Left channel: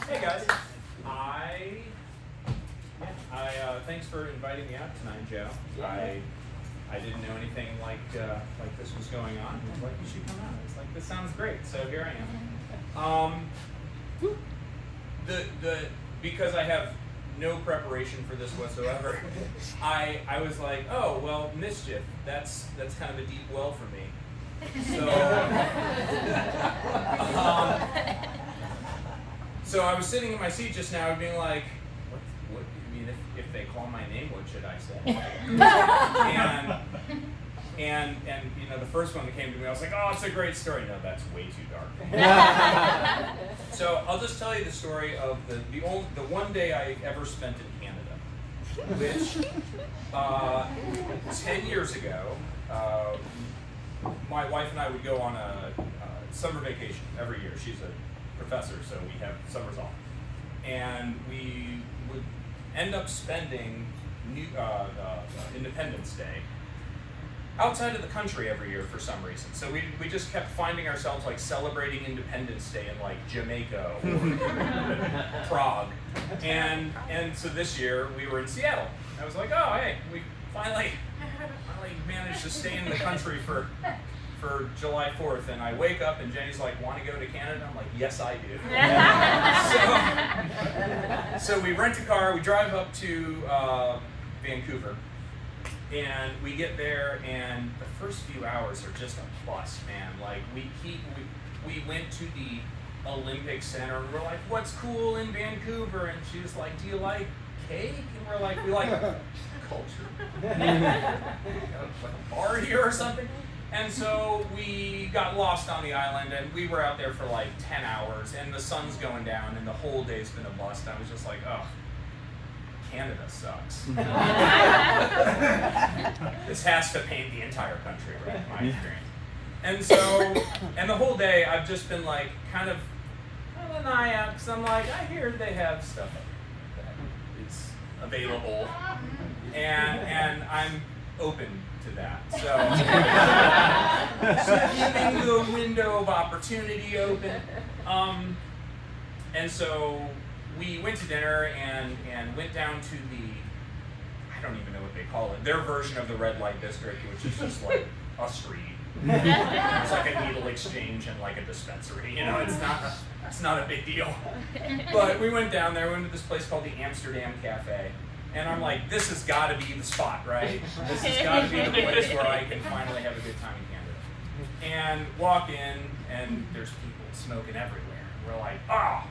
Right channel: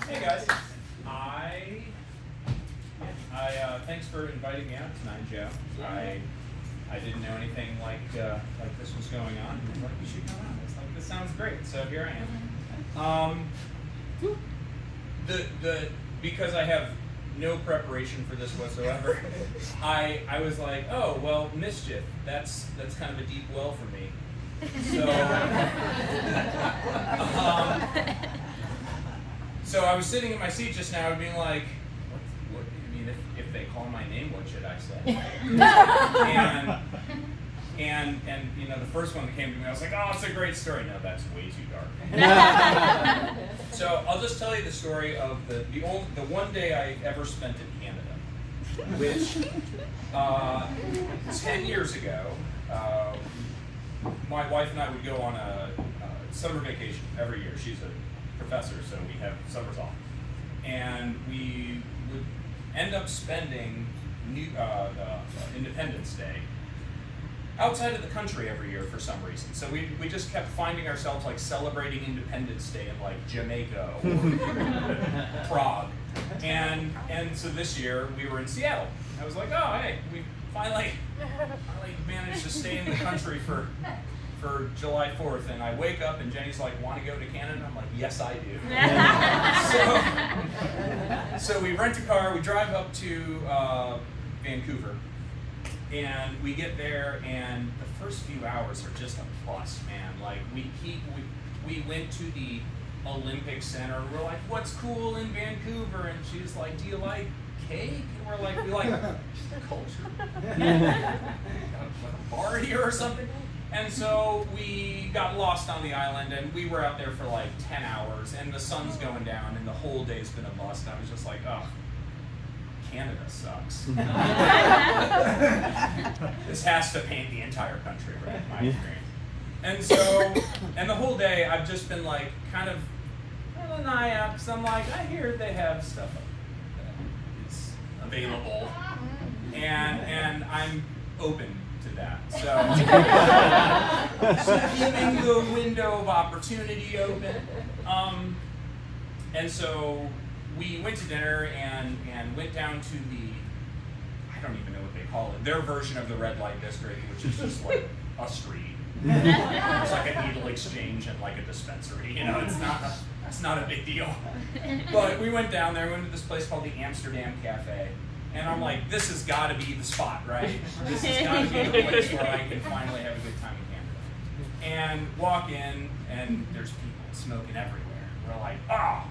Hey guys, thanks for inviting me out tonight, Joe. I didn't know anything like this was going on. I was like, you should come on. I was like, this sounds great. So here I am. Because I have no preparation for this whatsoever, I was like, oh well, mischief. That's kind of a deep well for me. So I was sitting in my seat just now, being like, what I mean, if they call my name, what should I say? and you know, the first one that came to me, I was like, oh, it's a great story. No, that's way too dark. So I'll just tell you the story of the one day I ever spent in Canada, which 10 years ago, my wife and I would go on a summer vacation every year. She's a professor, so we have summers off. And we would end up spending Independence Day outside of the country every year for some reason. So we just kept finding ourselves like celebrating Independence Day in like Jamaica or Prague. And so this year we were in Seattle. I was like, oh hey, we finally managed to stay in the country for July 4th, and I wake up and Jenny's like, want to go to Canada? I'm like, yes I do. So we rent a car, we drive up to Vancouver, and we get there, and the first few hours are just a plus, man. Like we went to the Olympic Center, and we're like, what's cool in Vancouver? And she was like, do you like cake? And we're like, we like culture. Like a bar here or something. And so we got lost on the island, and we were out there for like 10 hours, and the sun's going down, and the whole day's been a bust. I was just like, oh, Canada sucks. This has to paint the entire country, right? In my experience. And so, and the whole day I've just been like kind of an eye out, because I'm like, I hear they have stuff that is available, and I'm open to that. So keeping the window of opportunity open. And so we went to dinner and went down to I don't even know what they call it, their version of the red light district, which is just like a street. There's like a needle exchange and like a dispensary, you know, it's not a big deal. But we went down there, we went to this place called the Amsterdam Cafe. And I'm like, this has got to be the spot, right? This has got to be the place where I can finally have a good time in Canada. And walk in, and there's people smoking everywhere. We're like, oh,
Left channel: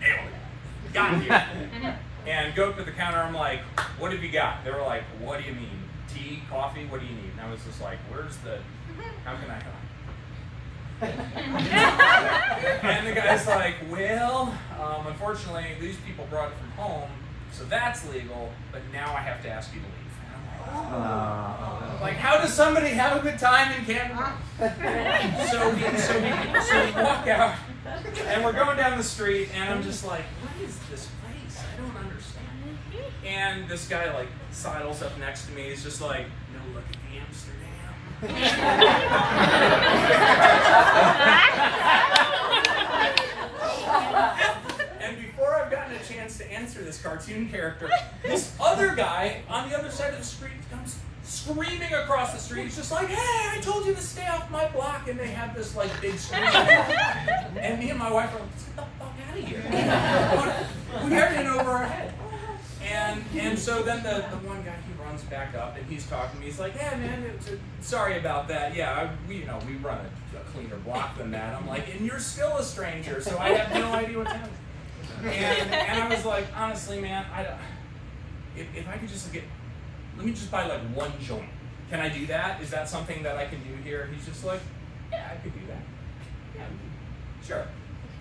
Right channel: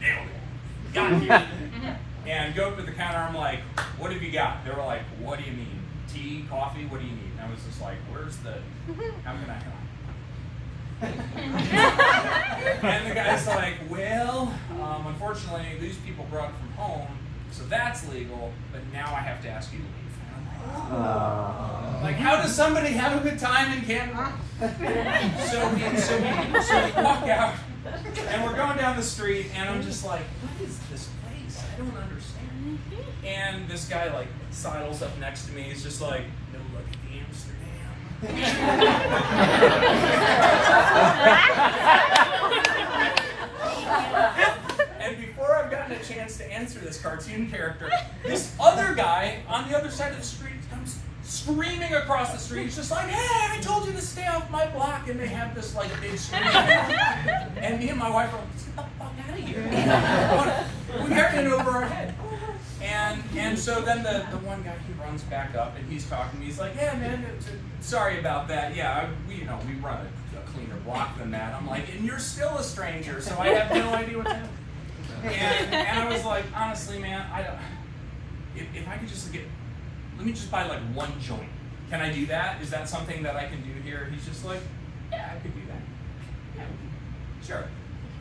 nailed it. Got here. And go up to the counter, I'm like, what have you got? They were like, what do you mean? Tea, coffee, what do you need? And I was just like, how can I help? And the guy's like, well, unfortunately, these people brought it from home. So that's legal, but now I have to ask you to leave. Like, how does somebody have a good time in Canada? So we walk out, and we're going down the street, and I'm just like, what is this place? I don't understand. And this guy like sidles up next to me. He's just like, no, look at the Amsterdam. And before I've gotten a chance to answer this cartoon character, this other guy on the other side of the street comes screaming across the street. He's just like, hey, I told you to stay off my block. And they have this like big screen. And me and my wife are like, let's get the fuck out of here. We are in over our head. And so then the one guy, he runs back up and he's talking to me. He's like, hey man, sorry about that. Yeah, we run a cleaner block than that. I'm like, and you're still a stranger, so I have no idea what's happening. And I was like, honestly, man, I don't. If I could just let me just buy like one joint. Can I do that? Is that something that I can do here? He's just like, yeah, I could do that. Yeah, sure.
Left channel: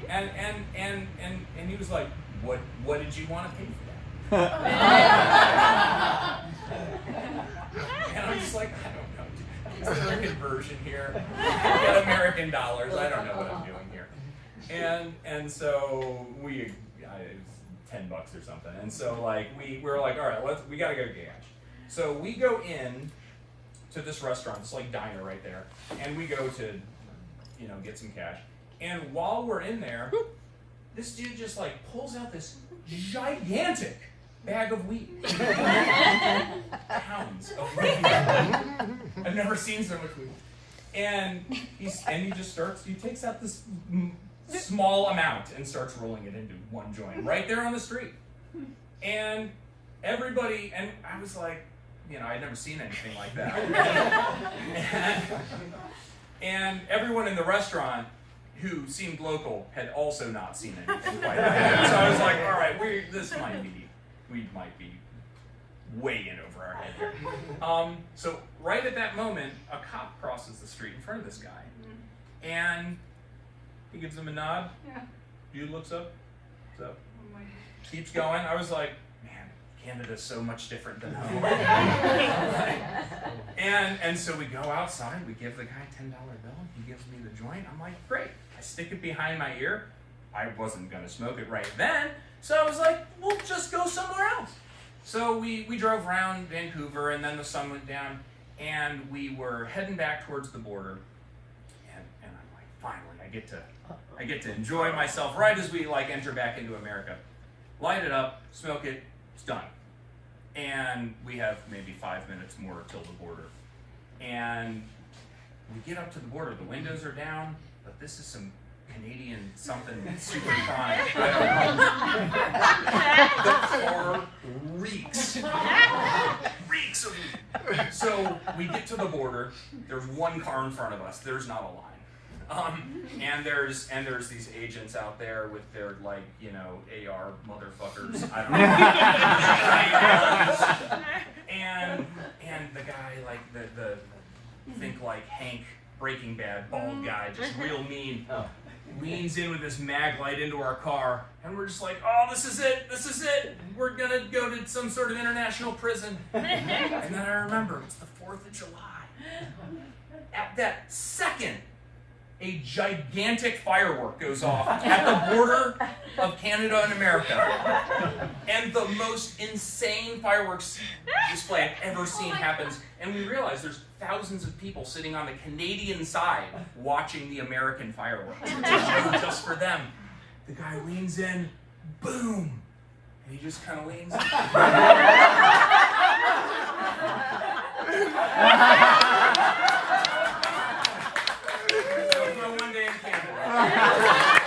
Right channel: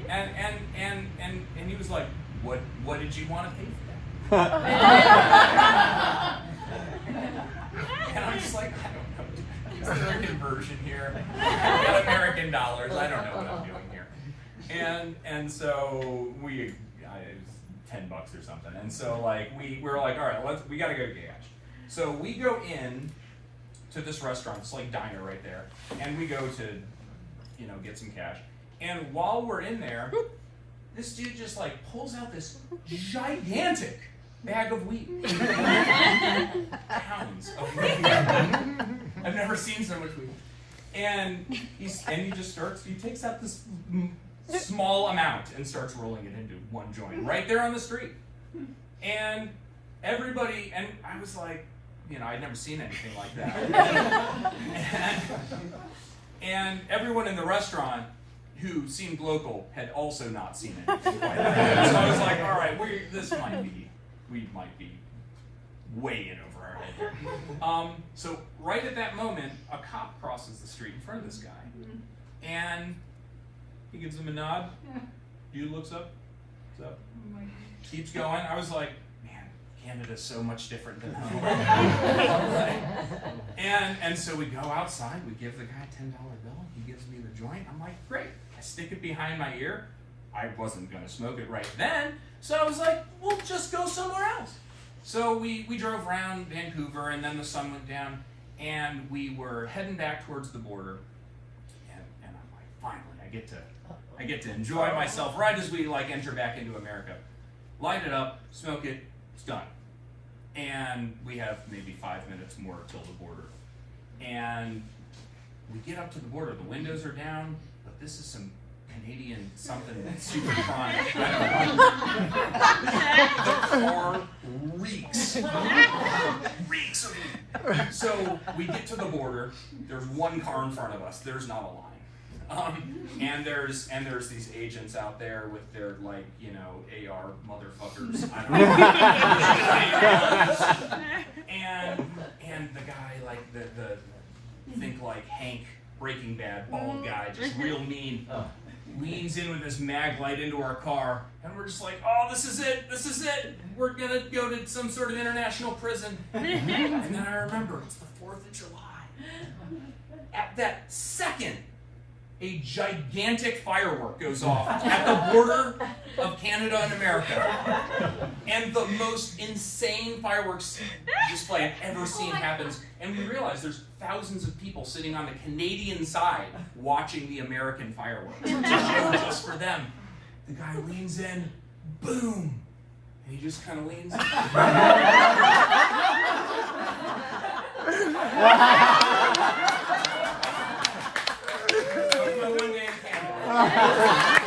And he was like, what did you want to pay for that? And I'm just like, I don't know. Is there a conversion here? I've got American dollars. I don't know what I'm doing here. And so it was $10 or something. And so like we're like, all right, we gotta go to cash. So we go in to this restaurant, it's like diner right there, and we go to, get some cash. And while we're in there, this dude just like pulls out this gigantic bag of weed. Pounds of weed. I've never seen so much weed. And he takes out this small amount and starts rolling it into one joint right there on the street. And everybody, and I was like, you know, I'd never seen anything like that. And everyone in the restaurant who seemed local had also not seen anything quite like that. So I was like, all right, we might be way in over our head here. So right at that moment, a cop crosses the street in front of this guy. And he gives him a nod. Yeah. Dude looks up. What's up? Keeps going. I was like, man, Canada's so much different than home. And so we go outside. We give the guy a $10 bill. He gives me the joint. I'm like, great. I stick it behind my ear. I wasn't going to smoke it right then. So I was like, we'll just go somewhere else. So we drove around Vancouver, and then the sun went down, and we were heading back towards the border. And I'm like, finally, I get to enjoy myself right as we like enter back into America. Light it up, smoke it, it's done. And we have maybe 5 minutes more till the border. And we get up to the border, the windows are down, but this is some Canadian something super chronic. I don't know. The car reeks of weed. So we get to the border. There's one car in front of us. There's not a line. And there's these agents out there with their like, you know, AR motherfuckers. I don't know. and the guy like the think like Hank Breaking Bad bald guy, just real mean. Leans in with this mag light into our car, and we're just like, oh, this is it, we're gonna go to some sort of international prison. And then I remember, it's the 4th of July. At that second, a gigantic firework goes off at the border of Canada and America. And the most insane fireworks display I've ever seen happens. And we realize there's thousands of people sitting on the Canadian side watching the American fireworks. Just for them. The guy leans in, boom. And he just kind of leans in. One day in Canada.